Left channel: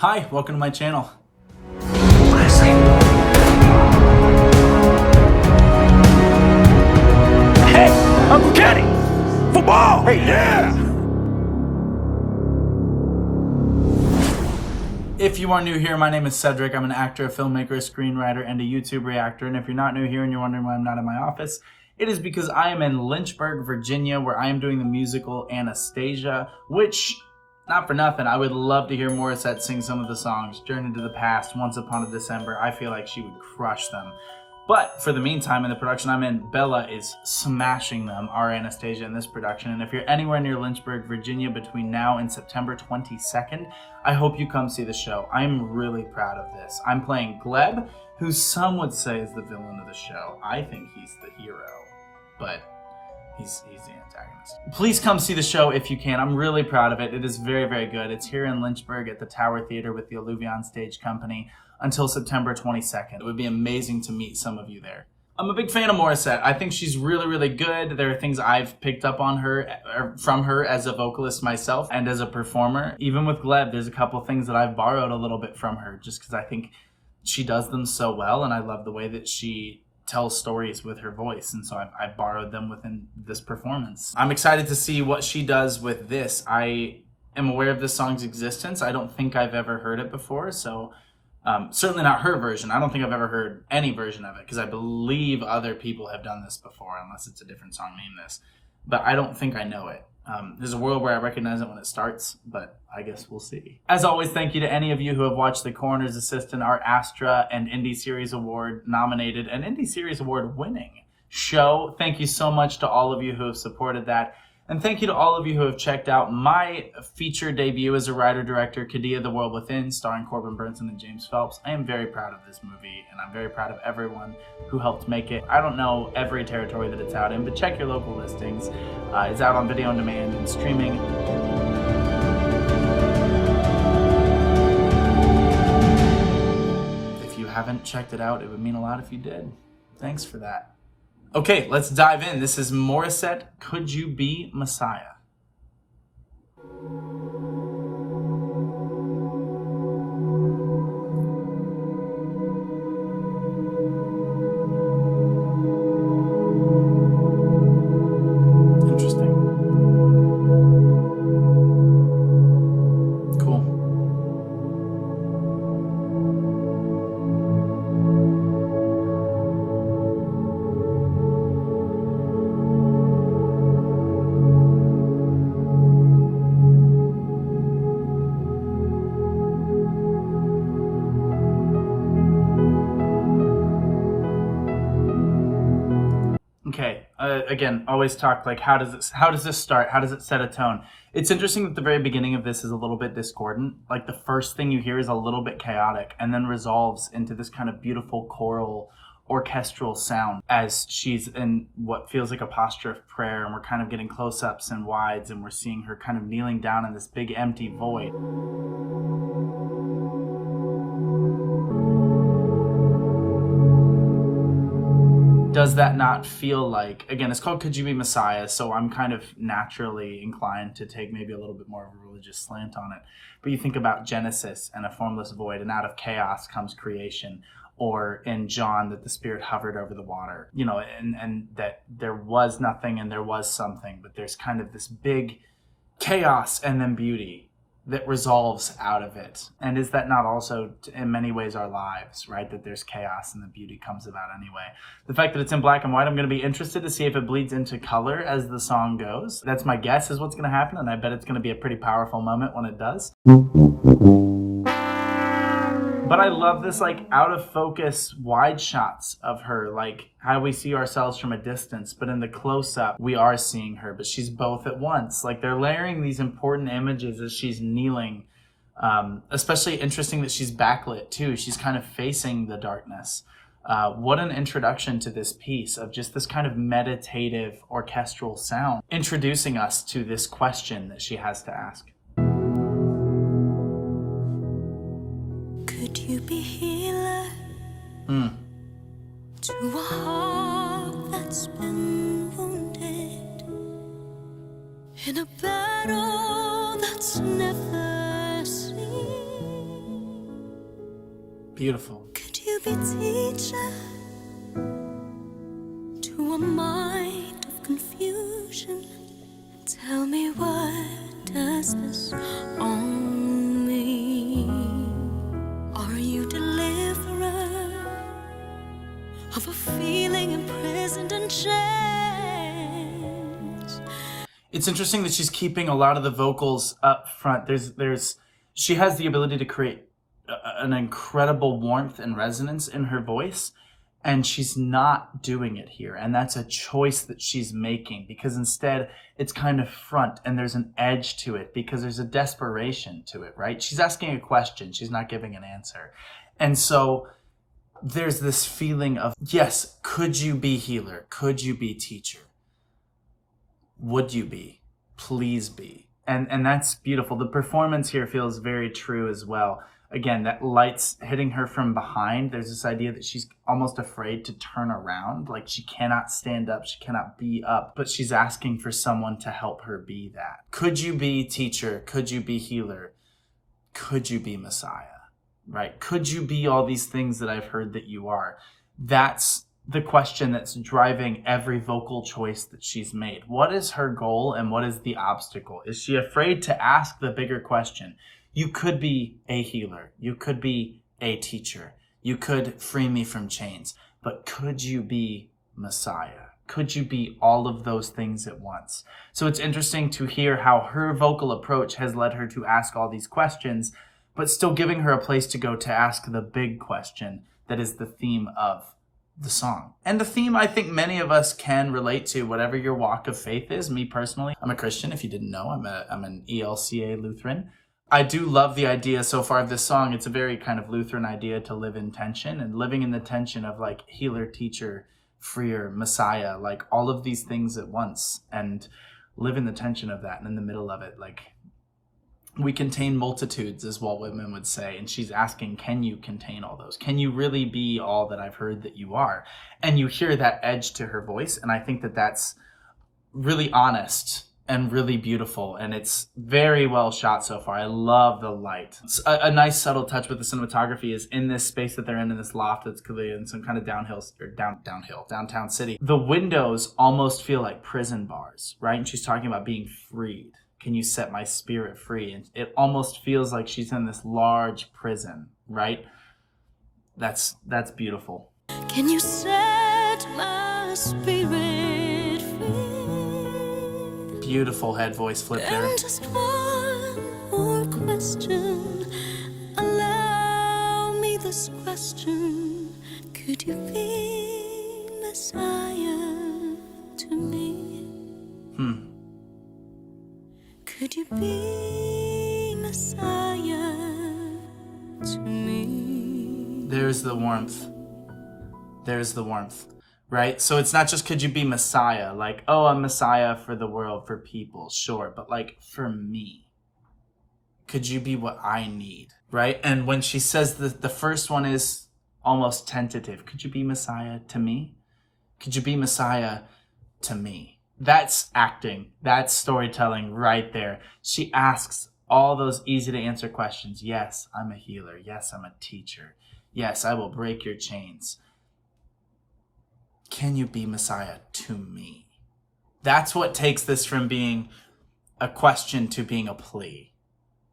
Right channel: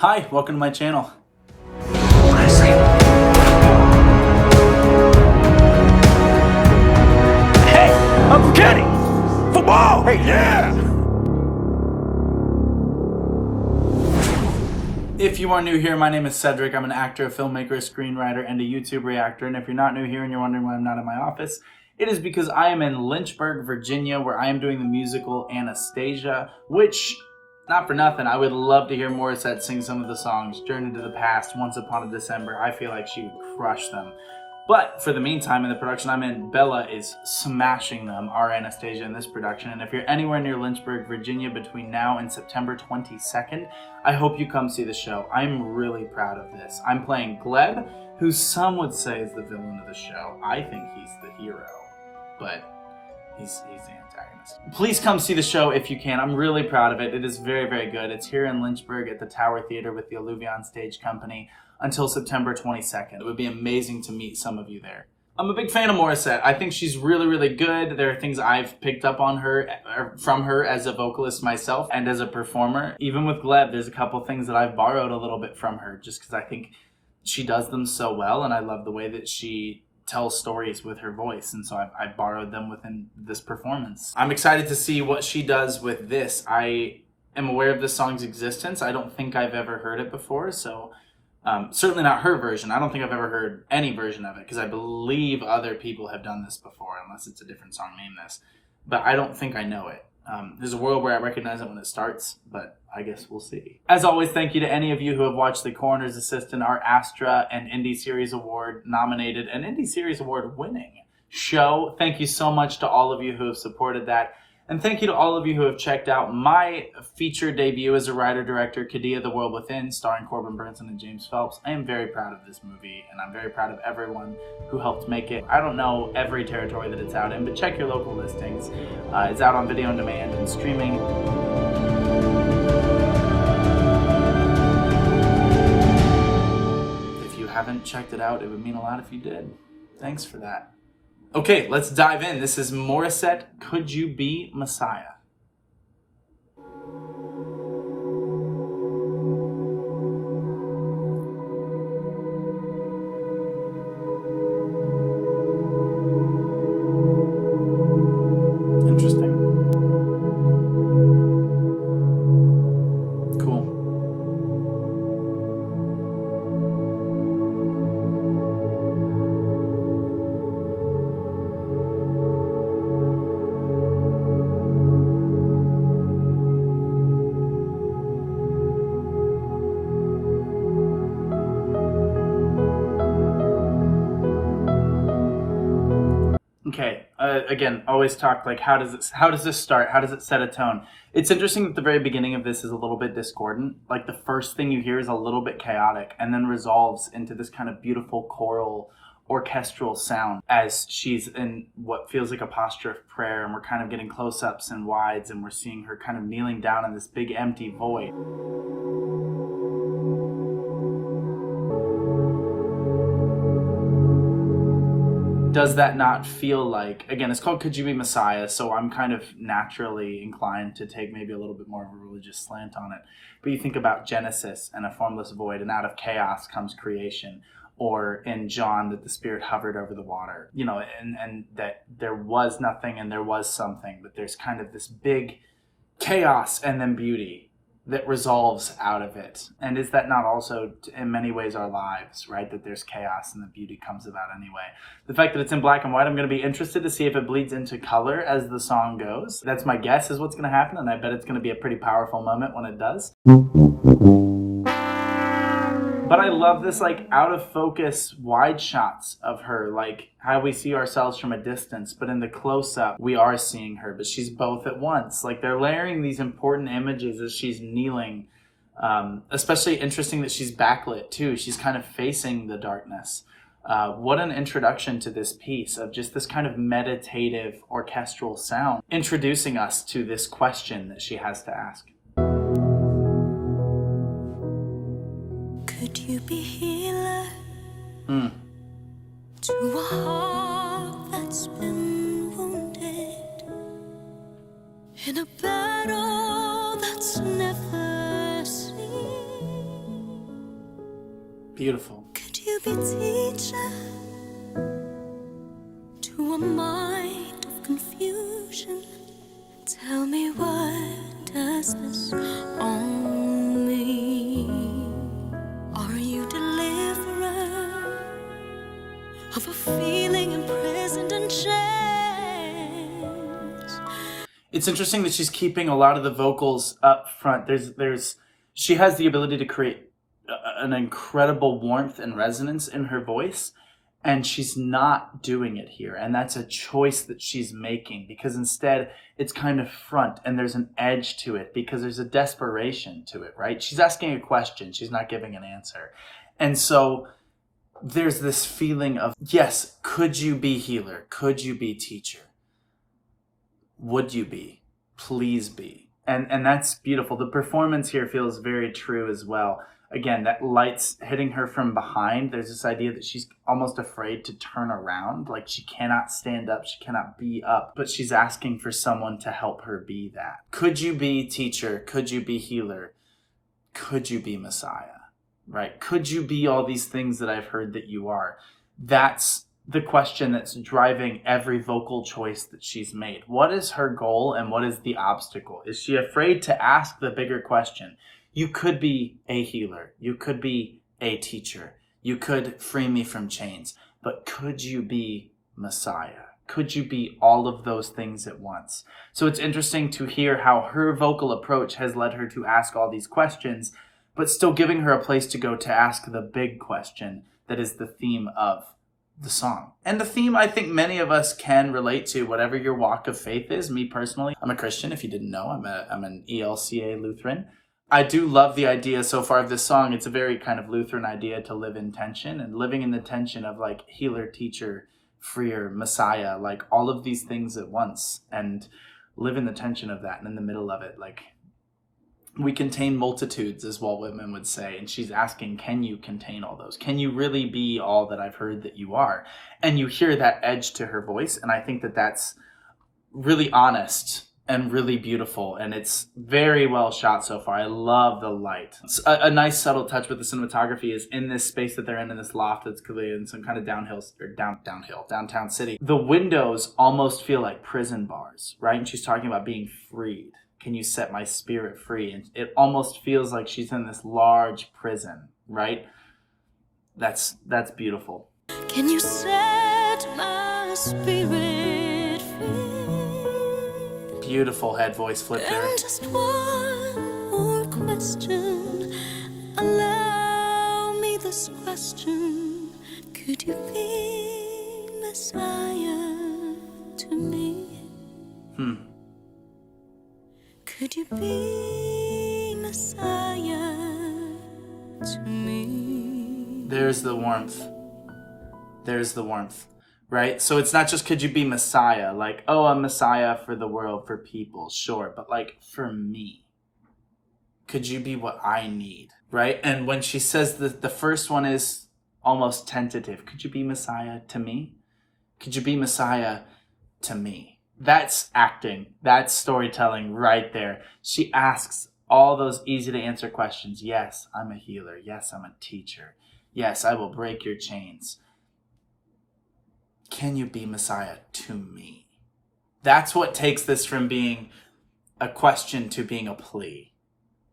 Hi, welcome to my channel. Hey, Uncle Kenny! Football! Hey, yeah! If you are new here, my name is Cedric. I'm an actor, a filmmaker, a screenwriter, and a YouTube reactor. And if you're not new here and you're wondering why I'm not in my office, it is because I am in Lynchburg, Virginia, where I am doing the musical Anastasia, which, not for nothing, I would love to hear Morissette sing some of the songs. Journey to the Past, Once Upon a December. I feel like she would crush them. But for the meantime, in the production I'm in, Bella is smashing them, our Anastasia, in this production. And if you're anywhere near Lynchburg, Virginia between now and September 22nd, I hope you come see the show. I'm really proud of this. I'm playing Gleb, who some would say is the villain of the show. I think he's the hero, but he's the antagonist. Please come see the show if you can. I'm really proud of it. It is very, very good. It's here in Lynchburg at the Tower Theater with the Alluvion Stage Company until September 22nd. It would be amazing to meet some of you there. I'm a big fan of Morissette. I think she's really, really good. There are things I've picked up on her, from her as a vocalist myself and as a performer. Even with Gleb, there's a couple things that I've borrowed a little bit from her just because I think she does them so well, and I love the way that she tells stories with her voice, and so I've borrowed them within this performance. I'm excited to see what she does with this. I am aware of this song's existence. I don't think I've ever heard it before, so certainly not her version. I don't think I've ever heard any version of it because I believe other people have done this before, unless it's a different song named this. But I don't think I know it. There's a world where I recognize it when it starts, but I guess we'll see. As always, thank you to any of you who have watched The Coroner's Assistant, our Astra and Indie Series Award nominated and Indie Series Award winning show. Thank you so much to all of you who have supported that. And thank you to all of you who have checked out my feature debut as a writer-director, Kadia: The World Within, starring Corbin Burnson and James Phelps. I am very proud of this movie, and I'm very proud of everyone who helped make it. I don't know every territory that it's out in, but check your local listings. It's out on video on demand and streaming. If you haven't checked it out, it would mean a lot if you did. Thanks for that. Okay, let's dive in. This is Morissette, Could You Be Messiah? Interesting. Cool. Okay, again, always talk like, how does this start? How does it set a tone? It's interesting that the very beginning of this is a little bit discordant. Like the first thing you hear is a little bit chaotic and then resolves into this kind of beautiful choral orchestral sound as she's in what feels like a posture of prayer, and we're kind of getting close-ups and wides, and we're seeing her kind of kneeling down in this big empty void. Does that not feel like, again, it's called Could You Be Messiah, so I'm kind of naturally inclined to take maybe a little bit more of a religious slant on it. But you think about Genesis and a formless void, and out of chaos comes creation. Or in John, that the Spirit hovered over the water, you know, and that there was nothing and there was something, but there's kind of this big chaos and then beauty that resolves out of it. And is that not also in many ways our lives, right? That there's chaos and the beauty comes about anyway. The fact that it's in black and white, I'm going to be interested to see if it bleeds into color as the song goes. That's my guess is what's going to happen, and I bet it's going to be a pretty powerful moment when it does. But I love this like out of focus wide shots of her, like how we see ourselves from a distance, but in the close up we are seeing her, but she's both at once. Like they're layering these important images as she's kneeling. Especially interesting that she's backlit too. She's kind of facing the darkness. What an introduction to this piece of just this kind of meditative orchestral sound, introducing us to this question that she has to ask. Could you be healer to a heart that's been wounded in a battle that's never seen? Beautiful. Could you be teacher to a mind of confusion? Tell me, what does this all mean? Are you deliverer of a feeling imprisoned in chains? It's interesting that she's keeping a lot of the vocals up front. She has the ability to create an incredible warmth and resonance in her voice, and she's not doing it here. And that's a choice that she's making, because instead it's kind of front and there's an edge to it because there's a desperation to it, right? She's asking a question. She's not giving an answer. And so there's this feeling of, yes, could you be healer? Could you be teacher? Would you be? Please be. And that's beautiful. The performance here feels very true as well. Again, that light's hitting her from behind. There's this idea that she's almost afraid to turn around. Like she cannot stand up, she cannot be up, but she's asking for someone to help her be that. Could you be teacher? Could you be healer? Could you be Messiah? Right? Could you be all these things that I've heard that you are? That's the question that's driving every vocal choice that she's made. What is her goal and what is the obstacle? Is she afraid to ask the bigger question? You could be a healer. You could be a teacher. You could free me from chains. But could you be Messiah? Could you be all of those things at once? So it's interesting to hear how her vocal approach has led her to ask all these questions, but still giving her a place to go to ask the big question that is the theme of the song. And the theme I think many of us can relate to, whatever your walk of faith is. Me personally, I'm a Christian. If you didn't know, I'm an ELCA Lutheran. I do love the idea so far of this song. It's a very kind of Lutheran idea to live in tension, and living in the tension of like healer, teacher, freer, Messiah, like all of these things at once, and live in the tension of that. And in the middle of it, like, we contain multitudes, is what women would say. And she's asking, can you contain all those? Can you really be all that I've heard that you are? And you hear that edge to her voice. And I think that that's really honest and really beautiful, and it's very well shot so far. I love the light. A nice subtle touch with the cinematography is in this space that they're in this loft that's clearly in some kind of downtown city. The windows almost feel like prison bars, right? And she's talking about being freed. Can you set my spirit free? And it almost feels like she's in this large prison, right? That's beautiful. Can you set my spirit free? Beautiful head voice flip there. And just one more question. Allow me this question. Could you be Messiah to me? Could you be Messiah to me? There's the warmth. There's the warmth. Right? So it's not just could you be Messiah, like, oh, I'm Messiah for the world, for people, sure, but like for me. Could you be what I need? Right? And when she says the first one is almost tentative. Could you be Messiah to me? Could you be Messiah to me? That's acting. That's storytelling right there. She asks all those easy to answer questions. Yes, I'm a healer. Yes, I'm a teacher. Yes, I will break your chains. Can you be Messiah to me? That's what takes this from being a question to being a plea.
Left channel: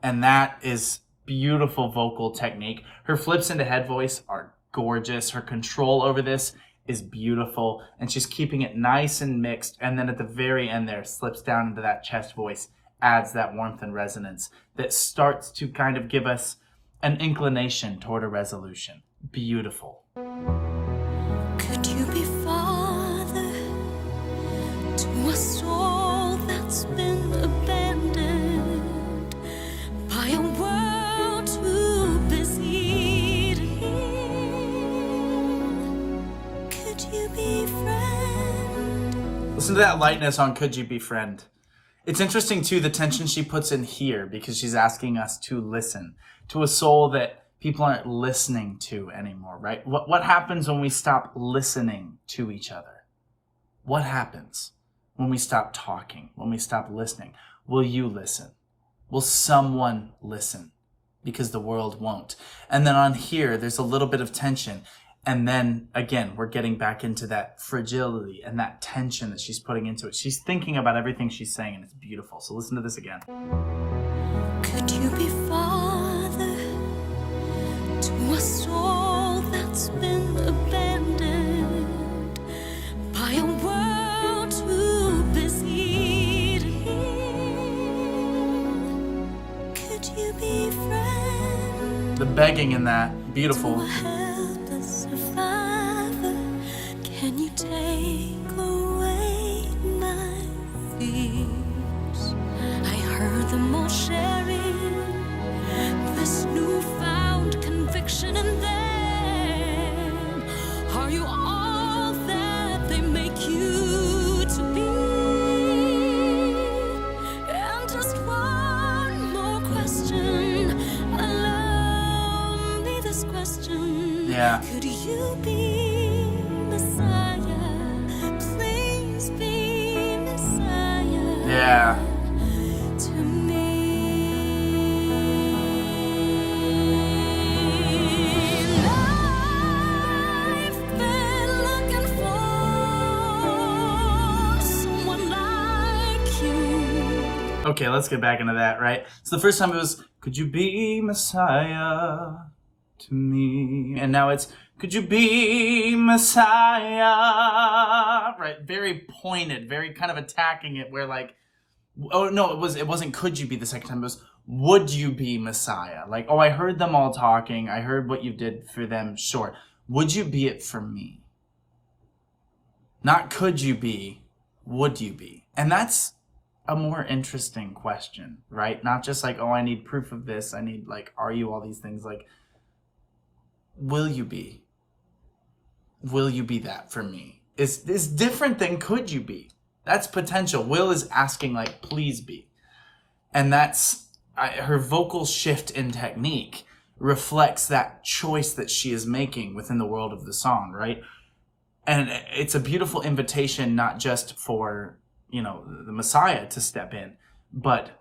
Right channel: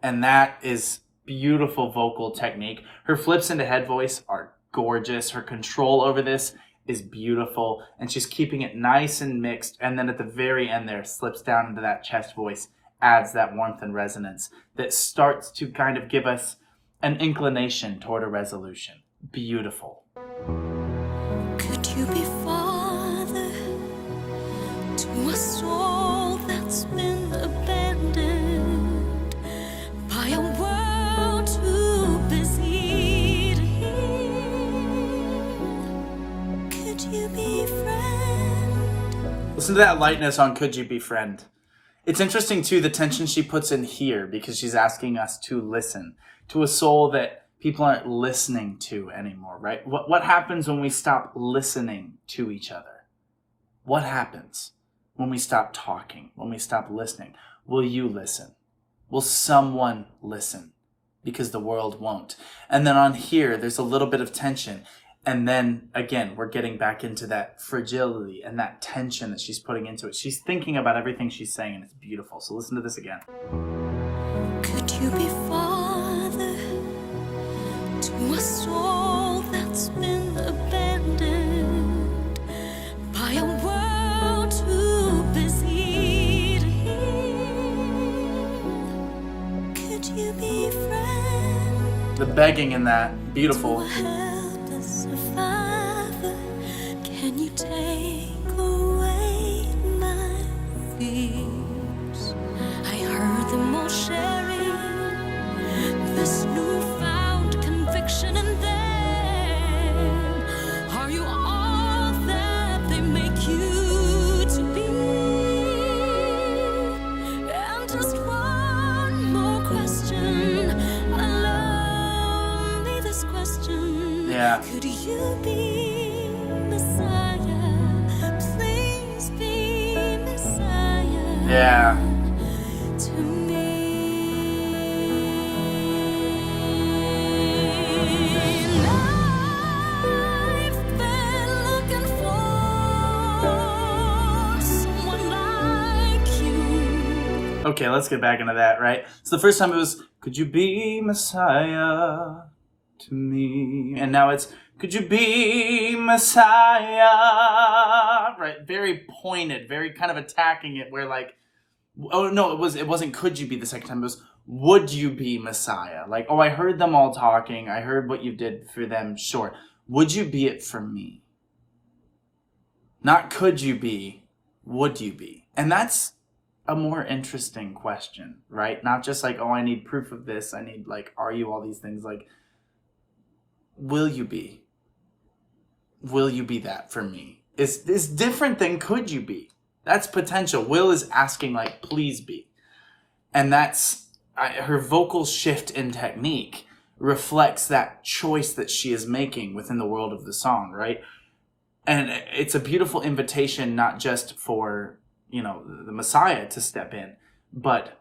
And that is beautiful vocal technique. Her flips into head voice are gorgeous. Her control over this is beautiful. And she's keeping it nice and mixed. And then at the very end there, slips down into that chest voice, adds that warmth and resonance that starts to kind of give us an inclination toward a resolution. Beautiful. Could you be father to a soul that's been abandoned by a world too busy to heal? Could you be friend? Listen to that lightness on Could You Be Friend. It's interesting too, the tension she puts in here, because she's asking us to listen to a soul that people aren't listening to anymore, right? What happens when we stop listening to each other? What happens when we stop talking, when we stop listening? Will you listen? Will someone listen? because the world won't. And then on here, there's a little bit of tension. And then again, we're getting back into that fragility and that tension that she's putting into it. She's thinking about everything she's saying, and it's beautiful. So listen to this again. Could you be father to a soul that's been abandoned by a world too busy to heal? Could you be friend? The begging in that, beautiful. To a helpless survivor, can you take away my fears? I heard them all sharing this newfound conviction, and then are you all that they make you to be? And just one more question, allow me this question. Yeah. Could you be Messiah? Please be Messiah. Yeah. To me. And I've been looking for someone like you. Okay, let's get back into that, right? So the first time it was, could you be Messiah to me? And now it's, could you be Messiah? Right, very pointed, very kind of attacking it, where like, oh no, it wasn't could you be the second time, it was would you be Messiah? Like, oh, I heard them all talking, I heard what you did for them, sure. Would you be it for me? Not could you be, would you be? And that's a more interesting question, right? Not just like, oh, I need proof of this, I need like, are you all these things? Like, will you be? Will you be that for me? Is different than could you be? That's potential. Will is asking like, please be. And that's her vocal shift in technique reflects that choice that she is making within the world of the song, right? And it's a beautiful invitation, not just for, you know, the Messiah to step in, but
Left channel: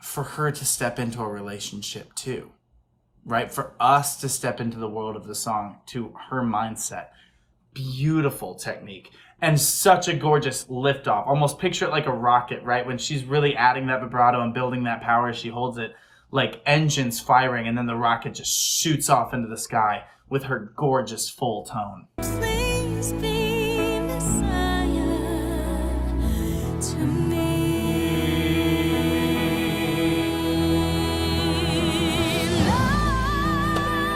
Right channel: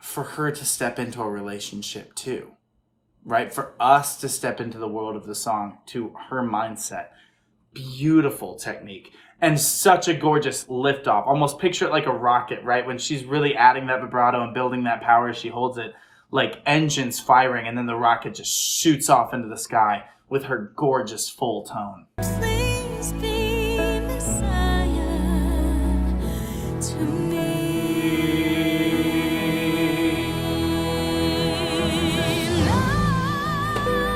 for her to step into a relationship too, right? For us to step into the world of the song, to her mindset. Beautiful technique. And such a gorgeous liftoff. Almost picture it like a rocket, right? When she's really adding that vibrato and building that power, she holds it like engines firing, and then the rocket just shoots off into the sky with her gorgeous full tone. Please be Messiah to me. And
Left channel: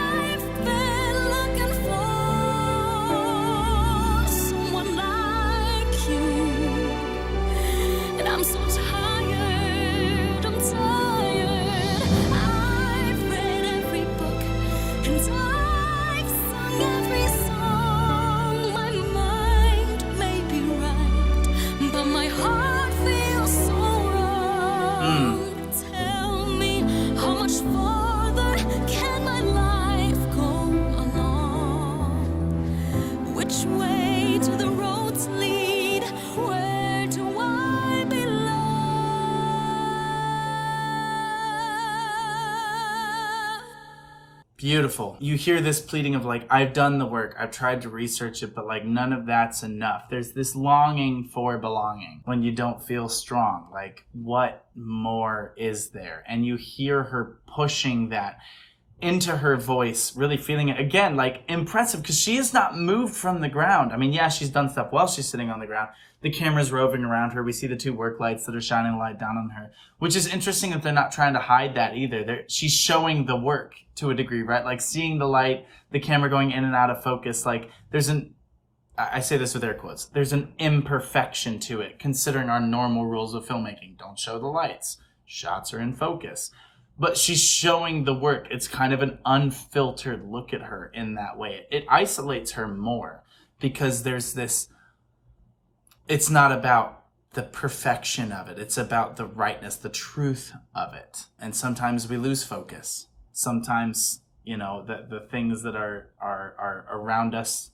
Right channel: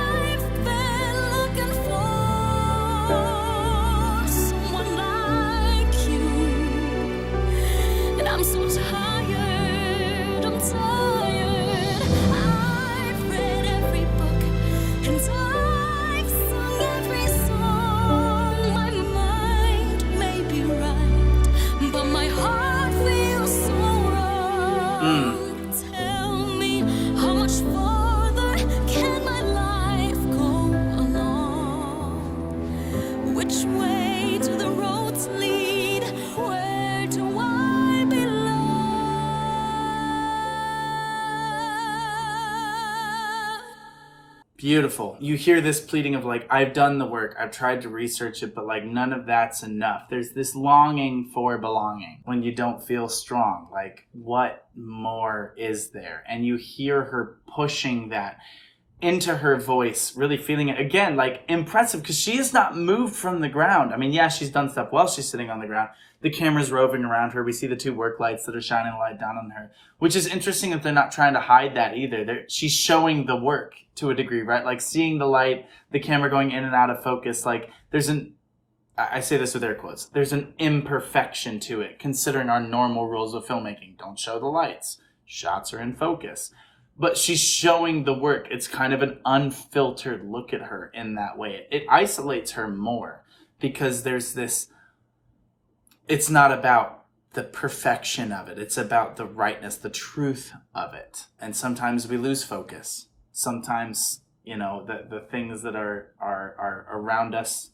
I've been looking for someone like you, and I'm so tired, I'm tired. I've read every book and I've sung every song. My mind may be right, but my heart feels so wrong. Tell me, how much farther can my life go along? Which way do the roads lead? Where do I belong? Beautiful. You hear this pleading of like, I've done the work, I've tried to research it, but like none of that's enough. There's this longing for belonging when you don't feel strong. Like, what more is there? And you hear her pushing that into her voice, really feeling it. Again, like impressive, because she is not moved from the ground. I mean, yeah, she's done stuff while she's sitting on the ground. The camera's roving around her. We see the two work lights that are shining a light down on her, which is interesting that they're not trying to hide that either. She's showing the work to a degree, right? Like seeing the light, the camera going in and out of focus. Like there's I say this with air quotes, there's an imperfection to it, considering our normal rules of filmmaking. Don't show the lights. Shots are in focus. But she's showing the work. It's kind of an unfiltered look at her in that way. It isolates her more because there's this, it's not about the perfection of it. It's about the rightness, the truth of it. And sometimes we lose focus. Sometimes, you know, the things that are around us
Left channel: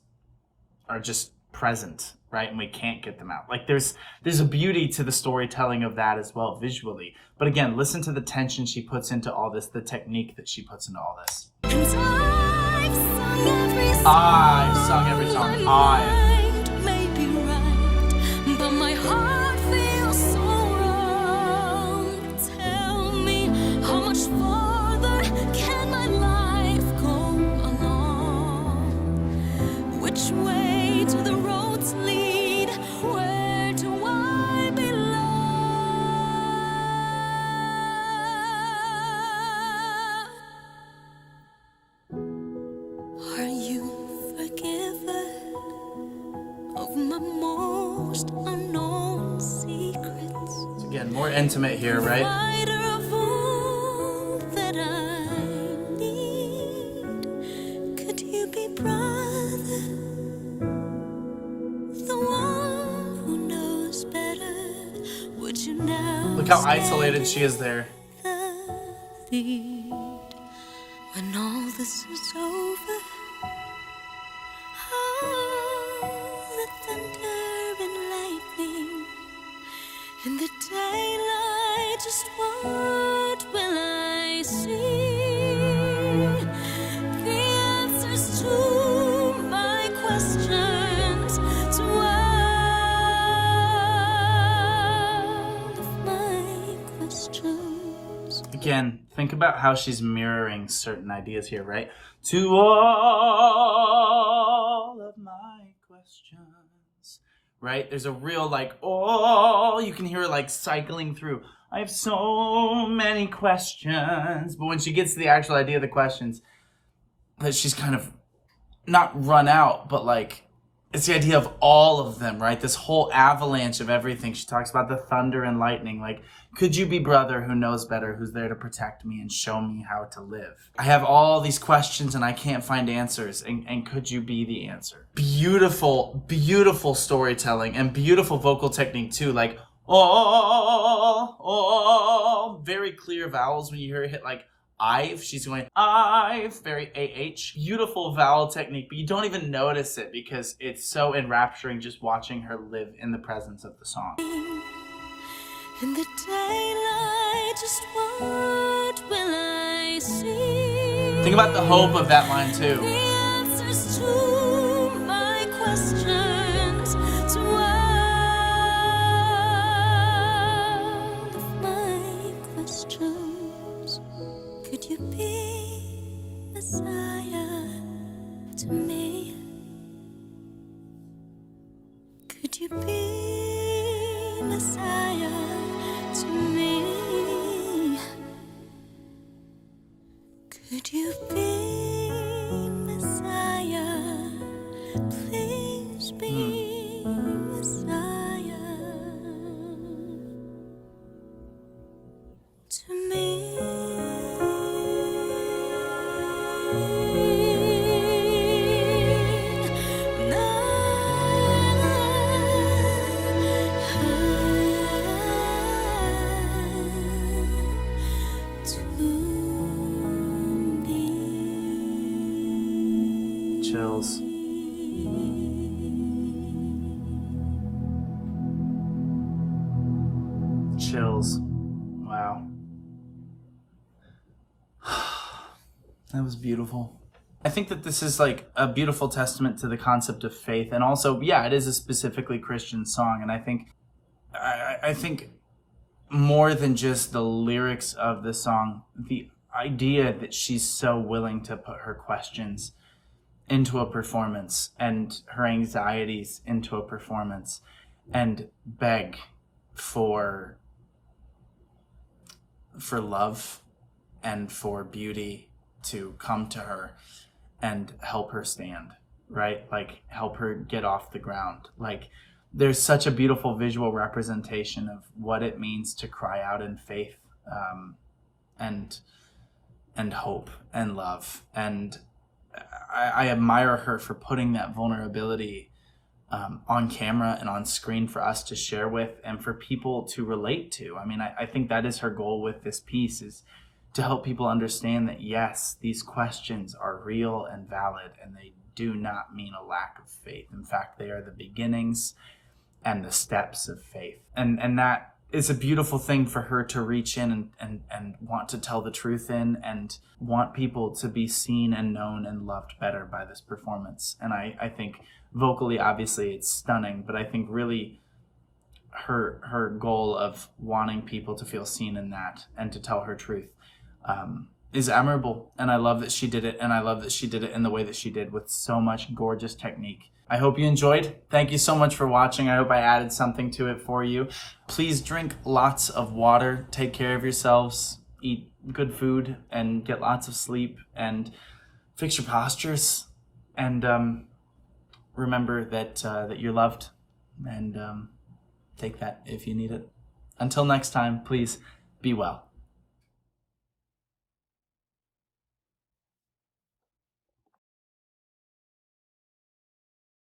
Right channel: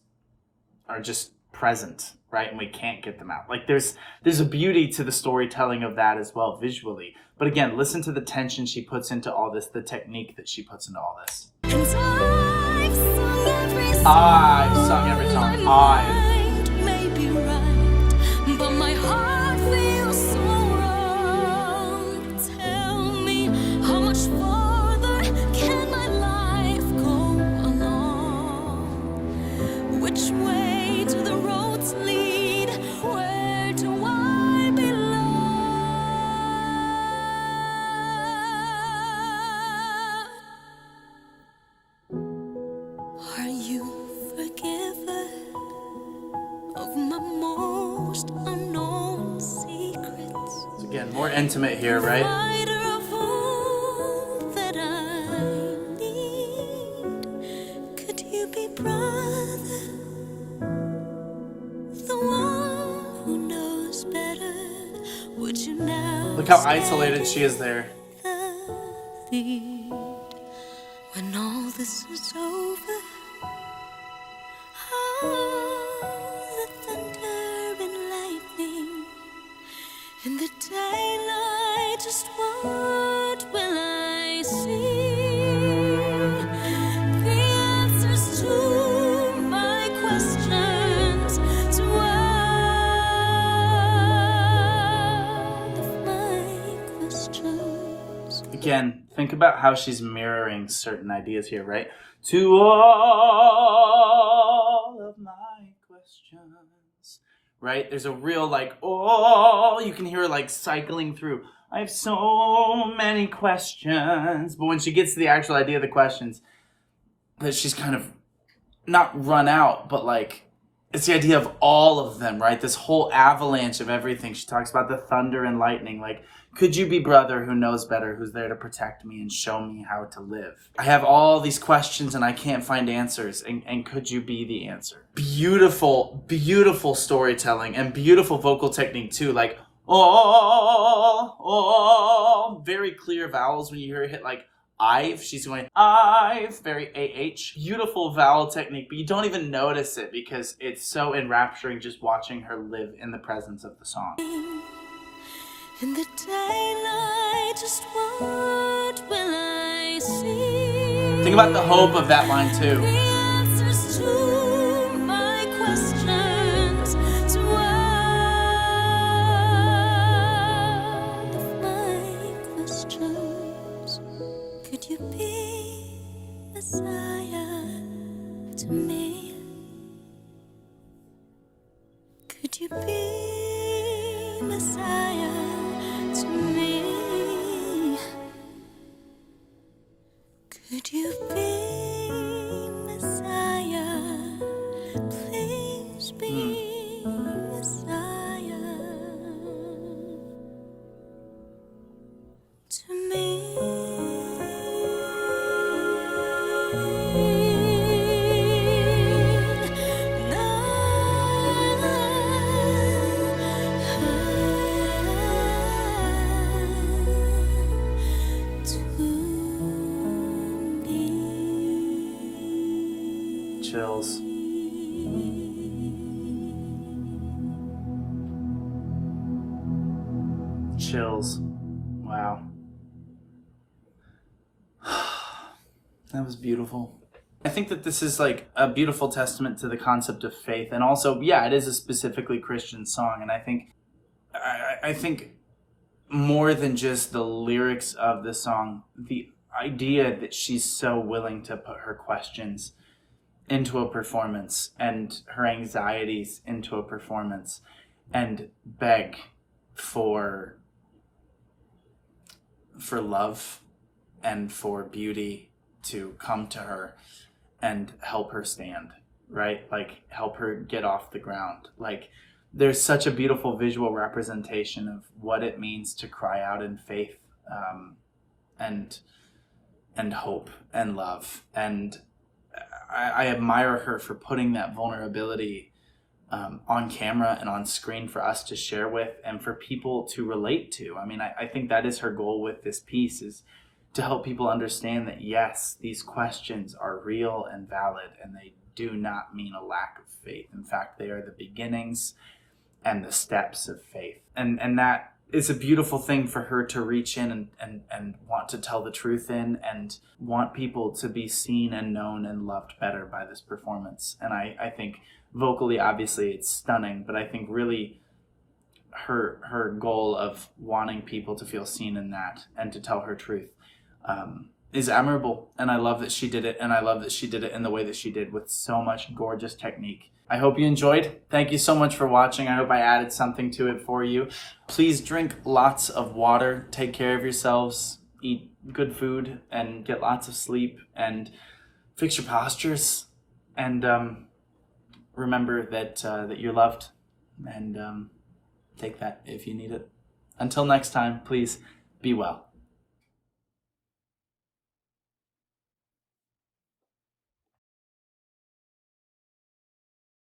are just present, right? And we can't get them out. Like there's a beauty to the storytelling of that as well visually. But again, listen to the tension she puts into all this, the technique that she puts into all this. And I've sung every song. I've sung every song. My mind may be right, but my heart feels so wrong. Tell me, how much farther can my life go along? Which way do the roads lead? Where do I belong? Are you forgiven of my most unknown secrets? So again, more intimate here, right? Provider of all that I need. Could you be brother? The one who knows better. Would you now Look how isolated she is there. the lead? When all this is over, the thunder and lightning in the daylight, just what will I see? The answers to my questions, to all of my questions. Again, think about how she's mirroring certain ideas here, right? To all of my questions, right? There's a real like, oh, you can hear her like cycling through. I have so many questions. But when she gets to the actual idea of the questions, that she's kind of not run out, but like, it's the idea of all of them, right? This whole avalanche of everything. She talks about the thunder and lightning. Like, could you be brother who knows better, who's there to protect me and show me how to live? I have all these questions and I can't find answers. And could you be the answer? Beautiful, beautiful storytelling and beautiful vocal technique too. Like, oh, very clear vowels when you hear her hit like I've. She's going I've, very AH. Beautiful vowel technique, but you don't even notice it because it's so enrapturing just watching her live in the presence of the song. In the daylight, just what will I see? Think about the hope of that line too. The answers to my questions, to all of my questions. Could you be Messiah to me? Could you be Messiah to me? Could you be Messiah? Please be Messiah to me. Chills. Chills. Wow. That was beautiful. I think that this is like a beautiful testament to the concept of faith, and also, yeah, it is a specifically Christian song, and I think more than just the lyrics of the song, the idea that she's so willing to put her questions into a performance and her anxieties into a performance and beg for love and for beauty to come to her and help her stand, right? Like help her get off the ground. Like there's such a beautiful visual representation of what it means to cry out in faith, and hope and love. And I admire her for putting that vulnerability on camera and on screen for us to share with and for people to relate to. I mean, I think that is her goal with this piece, is to help people understand that, yes, these questions are real and valid and they do not mean a lack of faith. In fact, they are the beginnings and the steps of faith. And that is a beautiful thing for her to reach in and want to tell the truth in, and want people to be seen and known and loved better by this performance. And I think vocally, obviously, it's stunning, but I think really her goal of wanting people to feel seen in that and to tell her truth is admirable. And I love that she did it, and I love that she did it in the way that she did, with so much gorgeous technique. I hope you enjoyed. Thank you so much for watching. I hope I added something to it for you. Please drink lots of water, take care of yourselves, eat good food, and get lots of sleep, and fix your postures, and remember that that you're loved, and take that if you need it. Until next time, please be well.